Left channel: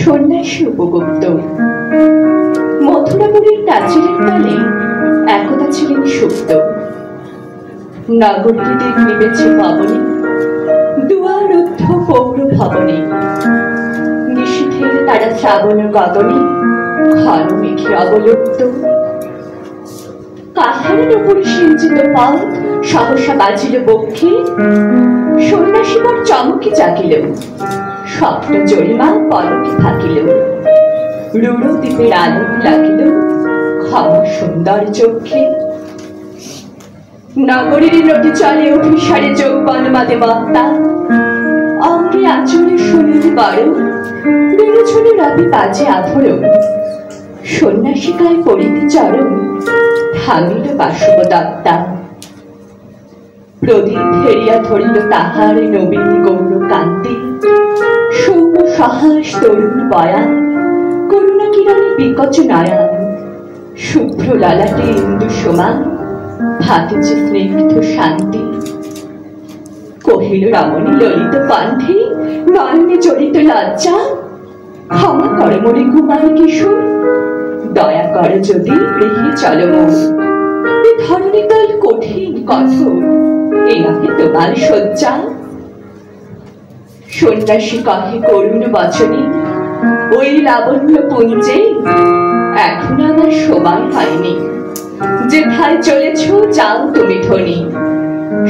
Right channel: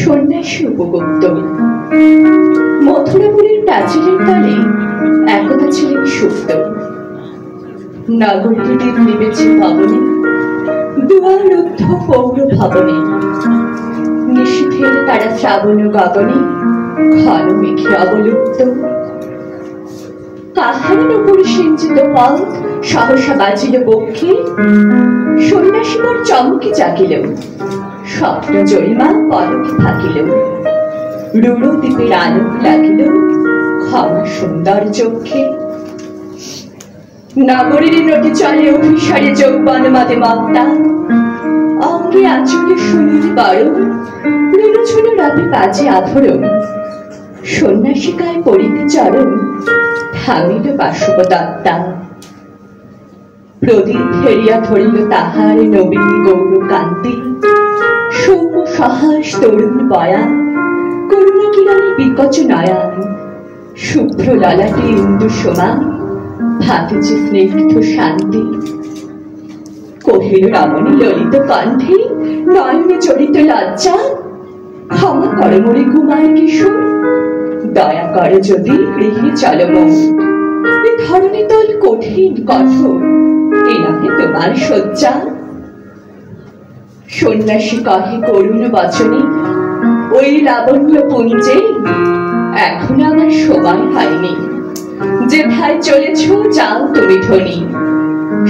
সন্ন্যাসী উপগুপ্ত মথুরাপুরীর প্রাচীরের তলে একদা ছিলেন সুপ্ত। নগরীর দিন নিবেছে পাবনে, দুয়ারুদ্ধ পৌর ভবনে। নিষিদ্ধের তারা শ্রাবণ গগনে, ঘন মেঘে অবলুপ্ত। কাহারের উপর সিঞ্চিত পথ সহসা বাজিল বক্ষে। সন্ন্যাসী মোর চমকে জাগিল, স্বপ্ন জরিমা পলকে থাকিল। রূঢ় দ্বীপের আলোক লাগিল ক্ষমা সুন্দর চক্ষে। নগরীর নদী চলে অভিসারে যৌবন মাদে মত্তা। অঙ্গে আঁচলে সুনীল বড়, রুনুঝুনু রবি বাজে আভরণ। সন্ন্যাসিকায় পড়িতে চরণ, থামিল বাসব দত্তা। প্রদীপ ফেরিয়া ধরিল তাহার নবীন গৌর কান্তি। সৌম্য সহাস তরুণ বয়ান, করুণা কিরণে বিকচ নয়ন। শুভ্র ললাটে ইন্দু সমান, ভাতিছে স্নিগ্ধ শান্তি। কহিল রমণী ললিত কণ্ঠে, নয়নে জড়িত লজ্জা। ক্ষমা করে মনে ঘুমায় কিশোর, দয়া করে যদি গৃহে চলো মন। এ ধরণী তল কঠিন কঠোর, এ নহে তোমার শয্যা। সন্ন্যাসী কহে করুণ বচনে, ওই লাবণ্য পুঞ্জে এখন আমার সময় হয়নি। যেথায় চলেছ যাও তুমি ধনী,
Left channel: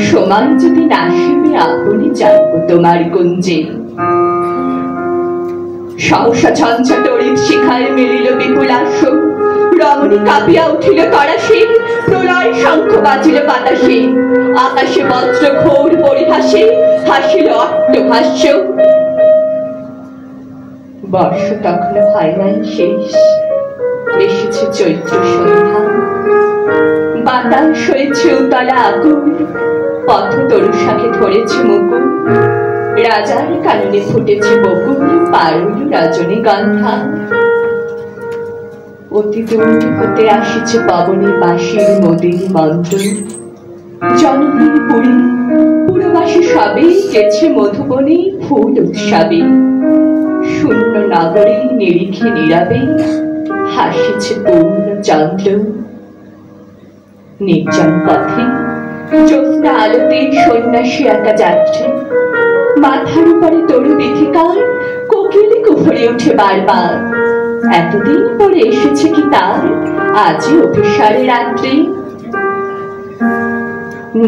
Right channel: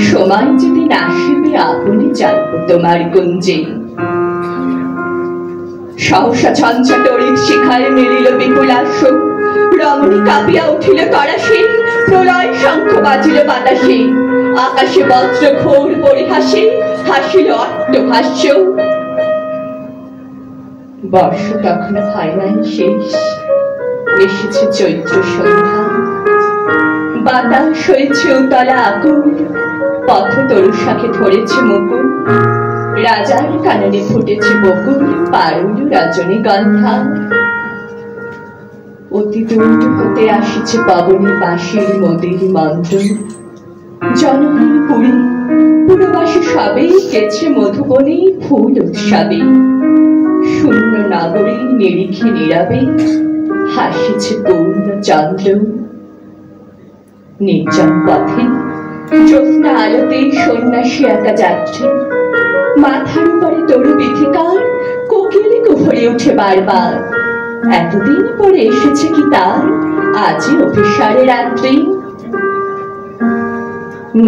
সময় যদি নাসিবে আপনি যাও তোমার কুঞ্জে। সহসা ঝঞ্ঝা তড়িৎ শিখায় মিলিল বিপুলাস্য। রমণী কাঁপিয়া উঠিল তরাসে, প্রলয় শঙ্খ বাজিল বাতাসে। আকাশে বজ্র ঘোর পরিহাসে, হাসিল অট্টহাস্য। বর্ষ তখন হয় নাই শেষ, এসেছে চৈত্র সন্ধ্যা। বাতাস হয়েছে উতলা আকুল, পথ তরু শাখে ধরেছে মুকুল। রাজার কাননে ফুটেছে বকুল, পারুল রজনীগন্ধা। অতি দূর হতে আসিছে পবনে বাঁশির নদীর মন্ত্র। জনহীন পুরী পুরবাসী সবে গেছে মধুবনে ফুল উৎসবে। শূন্য নগরী নিরিখে নীরবে হাসিছে পূর্ণ চন্দ্র। নির্জন পথে জ্যোৎস্না আলোতে সন্ন্যাসী একা যাচ্ছে। মাথার উপরে তরু বিথিকার, কোকিলে কুহরে উঠে বারবার। এতদিন পরে এসেছে কি তার আজই অভিসারে রাত্রি।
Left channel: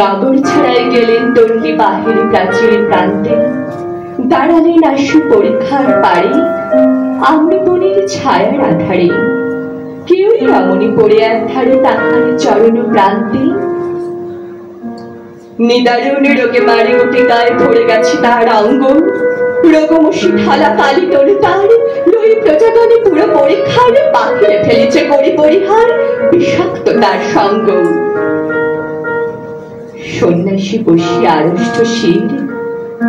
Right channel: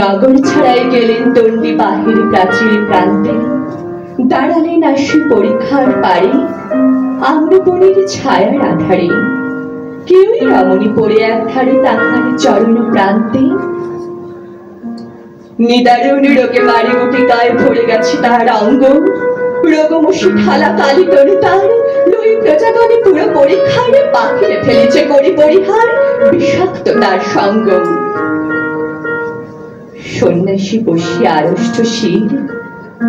নগর ছাড়াই গেলেন দণ্ডী বাহির প্রাচীর প্রান্তে। দাঁড়ালেন আশু পরীক্ষার পারে, আম্রবনের ছায়ার আধারে। কেউই রমণী পড়ে এক ধারে তাহার চরণ প্রান্তে। নিদারুণ রোগে মারি উঠে গায়ে ভরে গেছে তাহার অঙ্গ। রোগমসি ঢালা কালি তরু তার, লই প্রজাগণে পুরো পরীক্ষার। বাহিরে ফেলেছে করি পরিহার, বিষাক্ত তার সঙ্গ। সন্ন্যাসী বসিয়া আড়ষ্ট শির,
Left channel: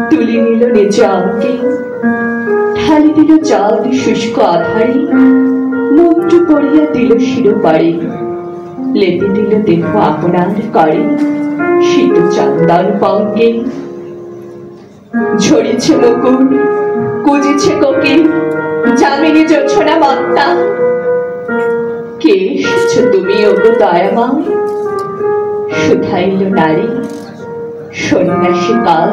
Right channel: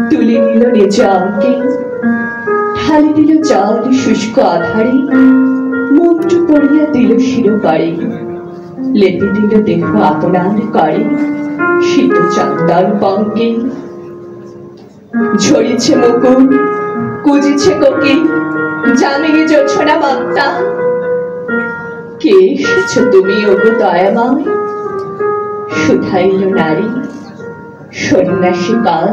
তুলে নিল নিজ অঙ্গে। ঢালি দিল জল শুষ্ক আধারে, মন্ত্র পড়িয়া দিল শিরোপারে। লেপে দিল দেহ আপনার করে, শীত চন্দন পঙ্গে। ঝরিছে মুকুল, কুজিছে কোকিল, যামিনী জোছনা মত্তা। কে এসেছ তুমি ওগো দয়াময়, শুধাইল নারী সন্ন্যাসী কাল।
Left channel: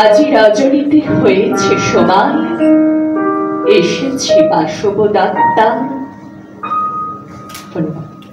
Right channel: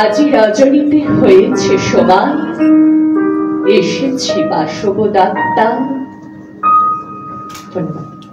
আজি রজনীতে হয়েছে সময়, এসেছি বাসব দত্তা। ধন্যবাদ।